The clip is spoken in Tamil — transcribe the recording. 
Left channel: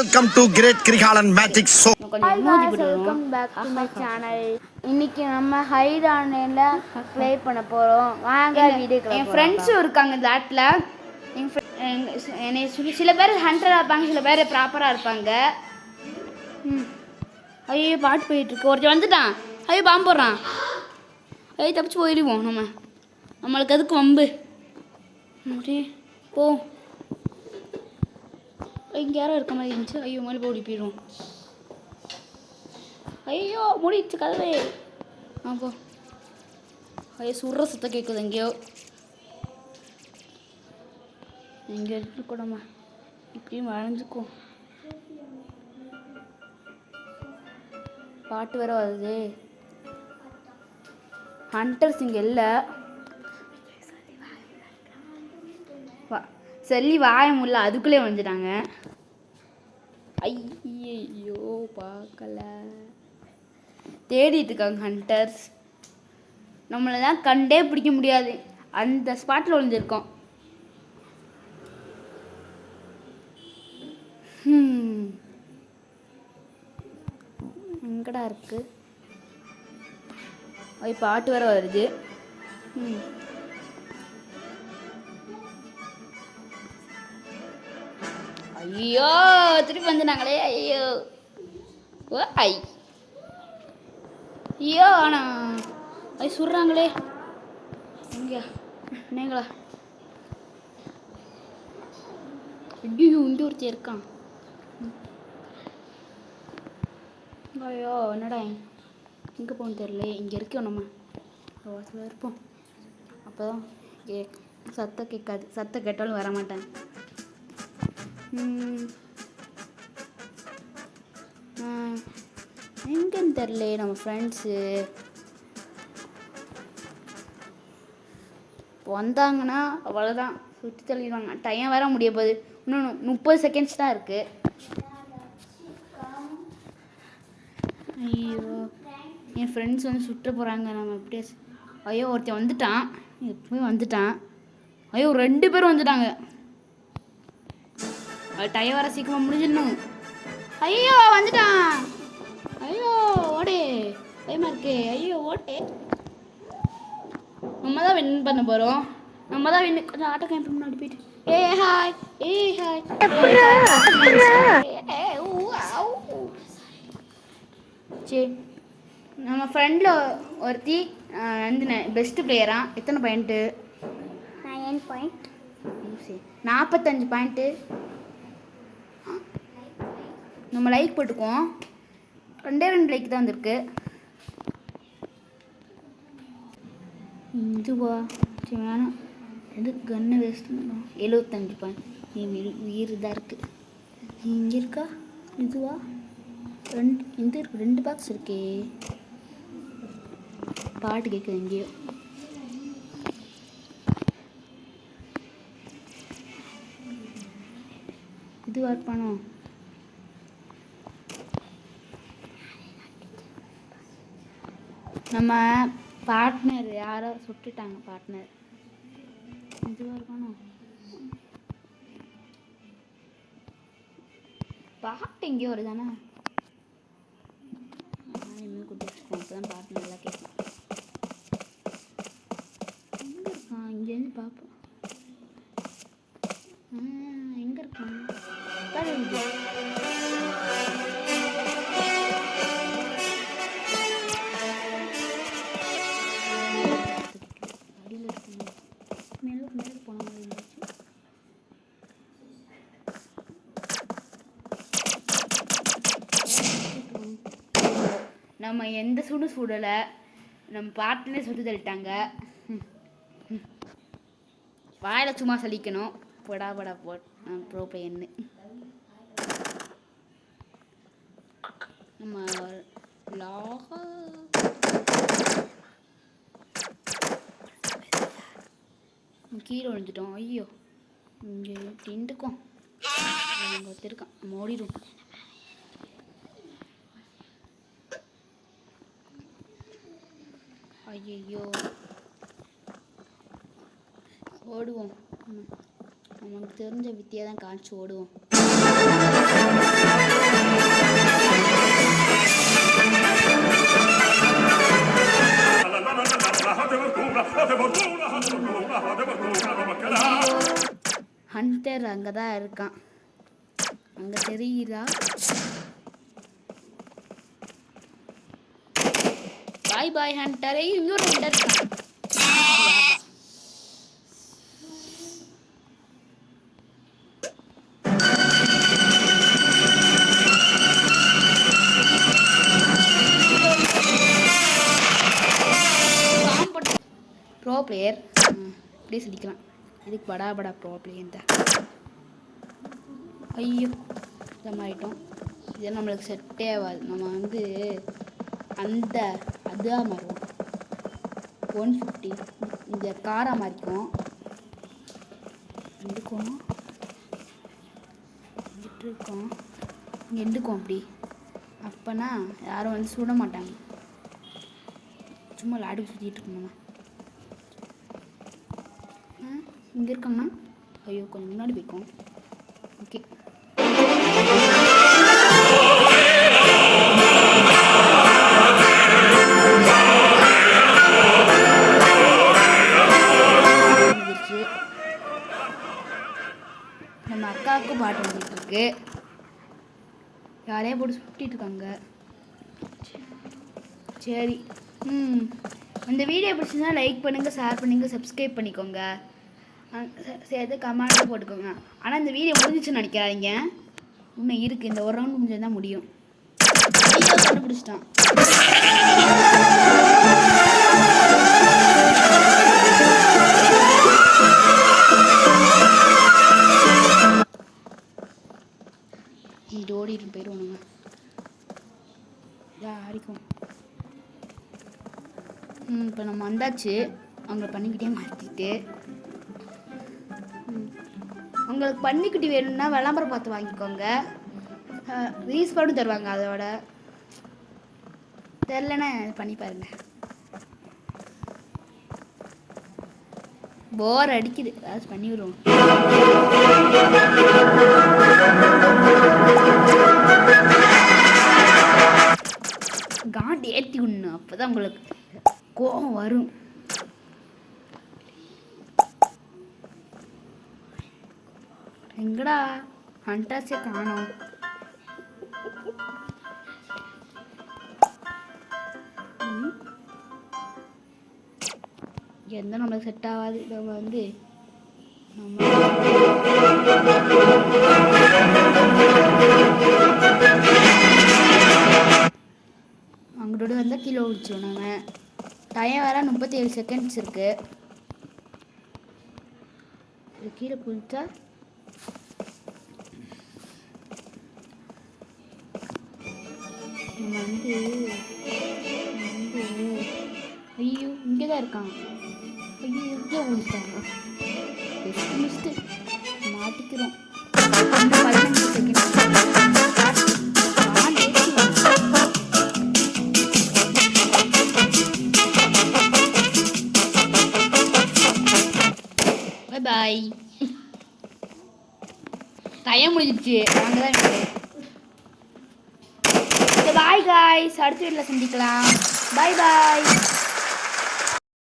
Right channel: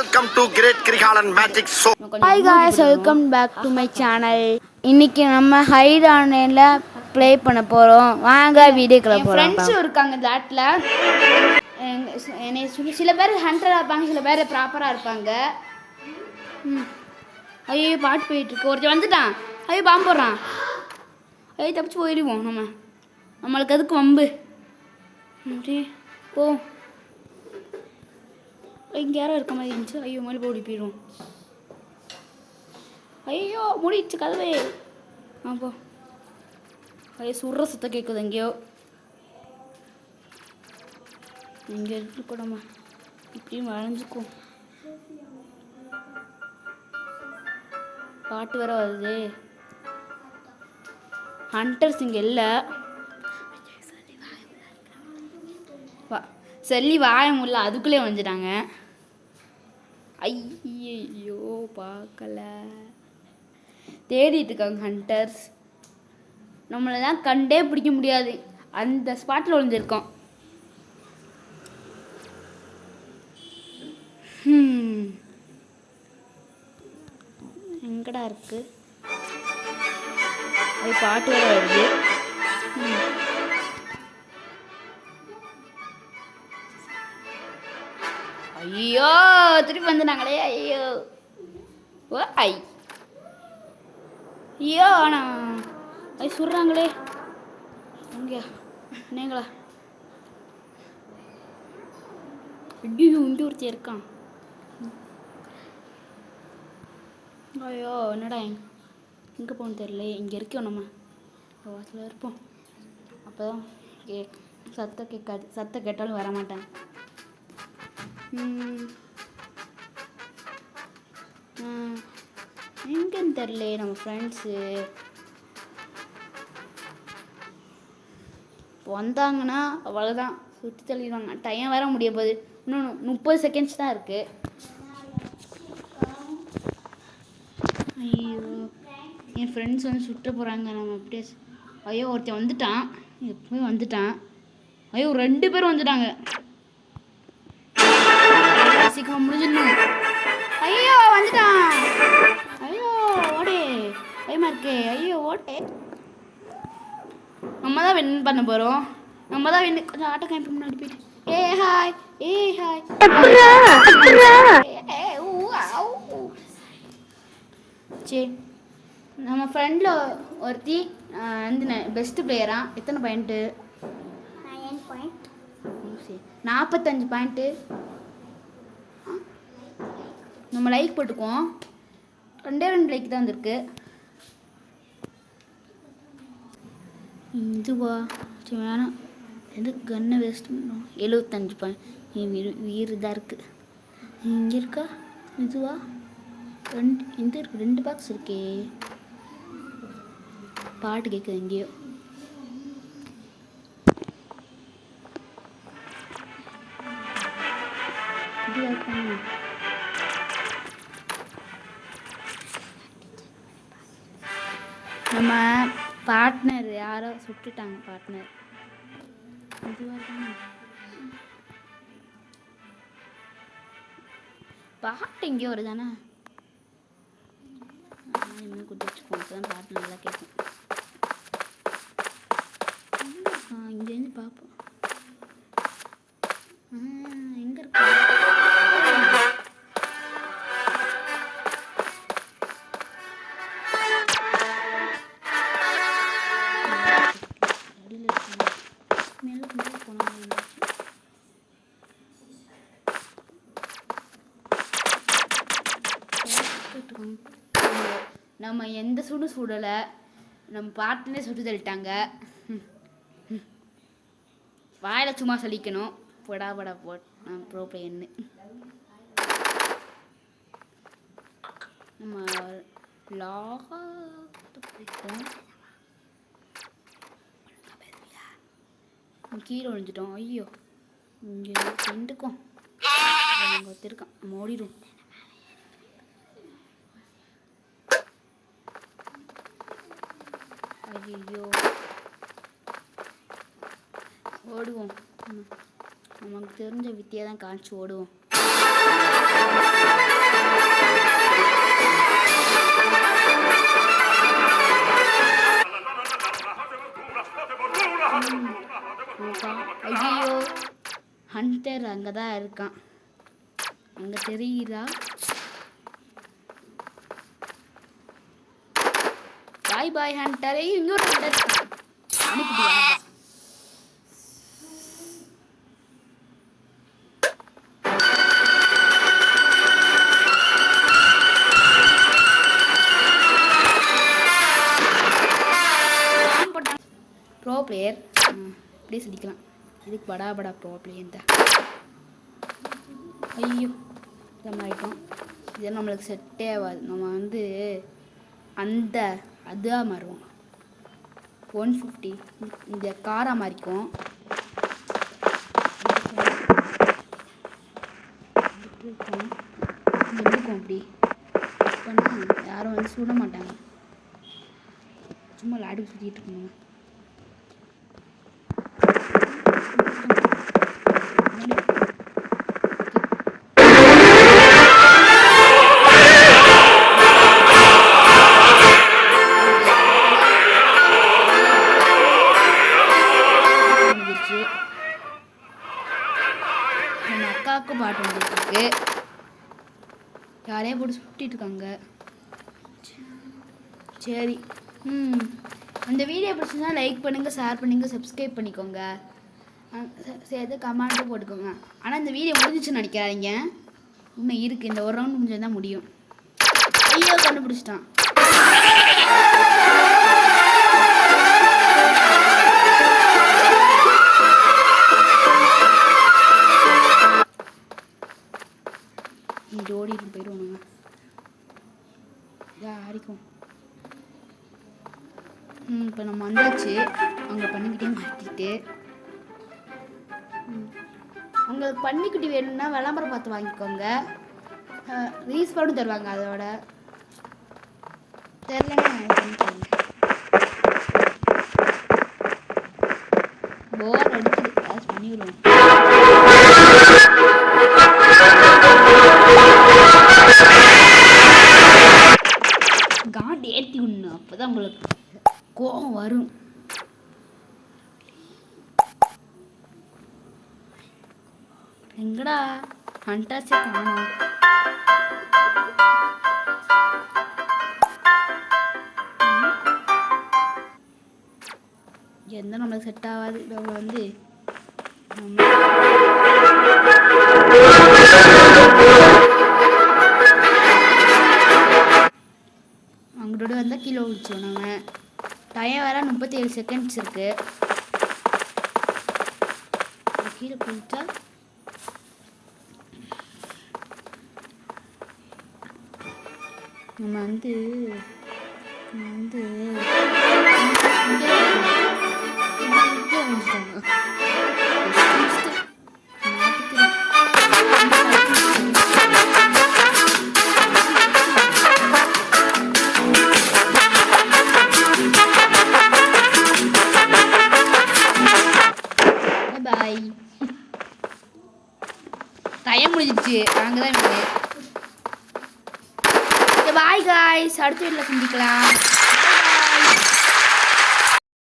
Welcome to Great Krigalan Magic Show. Hi guys, welcome back to my channel. இன்னைக்கு நம்ம ஹைட் ஆன்லைன்ல ப்ளே பண்ண போறோம். வாங்க வீடியோக்குள்ள போலாம். ஃப்ரெண்ட்ஸ் இருக்காங்க இந்த ஆட்ல. என்னை சில பேர் ஹண்டரா இருப்பாங்க, சில பேர் ப்ராப்பரா இருப்பாங்க. ஐயோ பாட்டு போயிட்டு இருக்கு. ஒருத்தன் வந்துட்டான். ஐயோ பாம்பு போடுறான். ஐயோ தப்பிச்சு போயிடுவோம் நம்மளுக்கு அதுக்கு வம்பு. போ இங்கே யாரோ இருக்க மாதிரி இருந்துச்சு. ஐயோ மாதிரி ஓடி போயிடுவோம். ஐயோ மூடிடுச்சு கதவே. போ. ஐயோ சுடுற சுத்தம் கேட்குது எங்கேயோ. எங்கே இருக்கக்கூடாமா, இப்படியும் வளைஞ்சுக்கும். பாட்டு வேற வருது. ஹண்டர்ஸ் இங்கே இல்லை. சொல்லி வாய முடியல, அதுக்குள்ளே வந்துட்டாங்க. ஐயோ பார்க்கல, தேடிட்டு இருக்காங்க ஹண்டர்ஸ். நம்மளை தான் கண்டே பிடிக்க முடியாது, அந்த ஸ்பாட்டில் விழுந்திருக்கோம். எங்கடா இருக்கு? அது பாட்டு வேற வருது. ஐயோ திருப்பி வந்துட்டாங்களே. ஐயோ ஓ ஐயோ ஆனா ஐ சுடுறாங்களே. இங்கயா நீங்களா? ஐயோ இங்கே ஒருத்தர் இருக்கான். ஐயோ என்னடா எங்கே போகணும் தெரியல. இங்கே இருக்கோம் நம்ம வாசலில் இருப்போம். அப்போ தான் சத்தம் கேட்காது. சத்தம் கேட்டாலும் வர மாட்டேன். எங்கன்னு தெரில. நம்ம ஃப்ரெண்ட்ஸு வந்தாங்கன்னா அவ்வளோதான், சுற்றி தள்ளிடுவாங்க. டைம் வேற முடிய போகுது. இன்னும் 30 செகண்ட்ஸ் தான் இருக்குது. ஐயோ என் ஃப்ரெண்ட்ஸ் வந்து சுற்ற போகிறாங்க. நம்ம அப்படியே ஐயோ ஒருத்தன் வந்துட்டான், எப்பவுமே வந்துட்டான். ஐயோ 2 பேர் வந்துட்டாங்க. சீக்கிரமாக முடிஞ்சிடணும். ஐயோ வந்துட்டான். ஐயோ ஓடே, பயமா இருக்கு. ஐயோ ஓடே. நம்ம தான் வின் பண்ண போகிறோம். நம்ம தான் வின். கொஞ்சம் ஆட்டோ கேம்ப் முன்னாடி போயிட்டு ஹாய் ஹாய். சரி நம்ம ஃப்ரெண்டில் ஒருத்தி வந்து பெஸ்ட்டு பிளேயரா. எத்தனை பாயிண்ட்டு? 9 பாயிண்ட். சரி 45 பாயிண்ட்டு. நம்ம லைக் போட்டுக்குவோம். 2 லைக் தான் வந்திருக்கு. இதுவா சரி வேணாம், எது கன்னை வேஸ்ட் பண்ணோம். 75 பாயிண்ட். உயிர் இதாக இருக்குது. இங்கே இருக்கா? இதுவா? இந்த இருக்கு 2 பாக்ஸ் இருக்கே. பாட்டு கேட்குது எங்கேயோ. இது வைப்பாங்க. நம்ம பார்ட்னர் யாரோ சுட்டுட்டாங்க. பார்ட்னர் இதுவாக இருக்காங்க. பாட்டு எங்கேயோ வருதானே. இனிமேல் கொடுத்து வச்சுக்கோங்க, அப்போ தான் பாட்டு நல்லா கேட்கும். இங்கேருந்து பார்ப்போம். எங்கே இருக்கு? நம்ம எந்த சுடும் சுடலை, நம்ம பாட்டுனே சுட்டு தள்ளிட்டாங்க. வாயில் சும்மா சலிக்கணும். படா ப்ரோ பிளேயர்னு நம்ம கீழே விழுந்துட்டோம். ஐயோ இங்கே ரெண்டுக்கும் அங்கே ஒருத்தருக்கான். நம்ம ஓடிடும். ஐயோ ஓடுவோம். நமக்கு தெரிஞ்ச வித்தியை தான் காமிச்சு ஓடுவோம். அங்கே தான் இருக்கான். அங்கே தெரியுதா? பாய் பாய் ஹண்டரே. இன்னொரு ஹண்டர் இருக்கான். ப்ரோ பிளேயர் இப்படியே சொல்லிக்கலாம். இதுக்கு படா ப்ரோ பிளேயர் தான். ஐயோ இதமாயிட்டோம். இதெல்லாம் நம்மளுக்கு செட்டே ஆகாது. நம்ம வந்து அதுதான் மாறுவோம். 150 இந்த காரை மாறிக்கும். இருக்கோம் நின்றுக்கும். அப்படி அப்போனா யாரும் வந்து சுட மாட்டாங்க. சும்மா லாடி சுற்றிட்டு இருக்கணும். நம்ம அக்காவுக்கும் பாட்டு வந்துருக்கு. யாரையும் போட்டு சுட்டிட்டு இருக்காங்க. சரி அந்த வீடியோ பிடிச்சிருந்தா லைக் பண்ணுங்கள், ஷேர் பண்ணுங்கள், சப்ஸ்கிரைப் பண்ணிக்கோங்க, சேர்த்து கமெண்ட்டும் போட்டுக்கோங்க. ஆனால் இந்த வீடியோ முடிஞ்சிச்சுன்னு நினைக்காதீங்க. இன்னும் இருக்குது. இந்த ஒரு ரவுண்ட் முடிஞ்சது தான் முடியும். ஐயோ கண்டுபிடிச்சிட்டான். இது ஓடிட்டு போயிடுவோம். யாருக்கும் இப்போ நம்ம வந்தாச்சு. அவங்க பண்ணிக்கிட்டே மாற்றிக்கிட்டு உங்களுக்கு பண்ணிக்கிட்டு வேணும்னா விளம்பரம் பார்த்து வாங்கிக்கோங்க. ரீஸ்பாண்டும் தருவாங்க. அதோட தெரிலன்னா பண்ணி தருங்க. போர் அடிக்குது. ஏதாச்சும் பண்ணி விடுவோம். காண்டு ஏற்றி விடணும். அப்போ தான் உங்களுக்கு கோபம் வரும். எங்கடா ஹண்டர்ஸே காணோம். எந்த நம்மளுக்கு செட் ஆகாது. நம்ம வந்து அங்கிட்ட வந்தால் கீழே விழிச்சோம். நம்ம டைம் வேற 37 செகண்ட்ஸ் இருக்கு. கீழே குளிச்சா நம்ம வந்து மாட்டிக்கிறோம். பாய். டைம் முடிஞ்சிடுச்சு. நாங்கள் தான் இருக்கு. Bye guys. அடுத்த வீட்டில் சந்திக்கலாம். பாய் பாய்.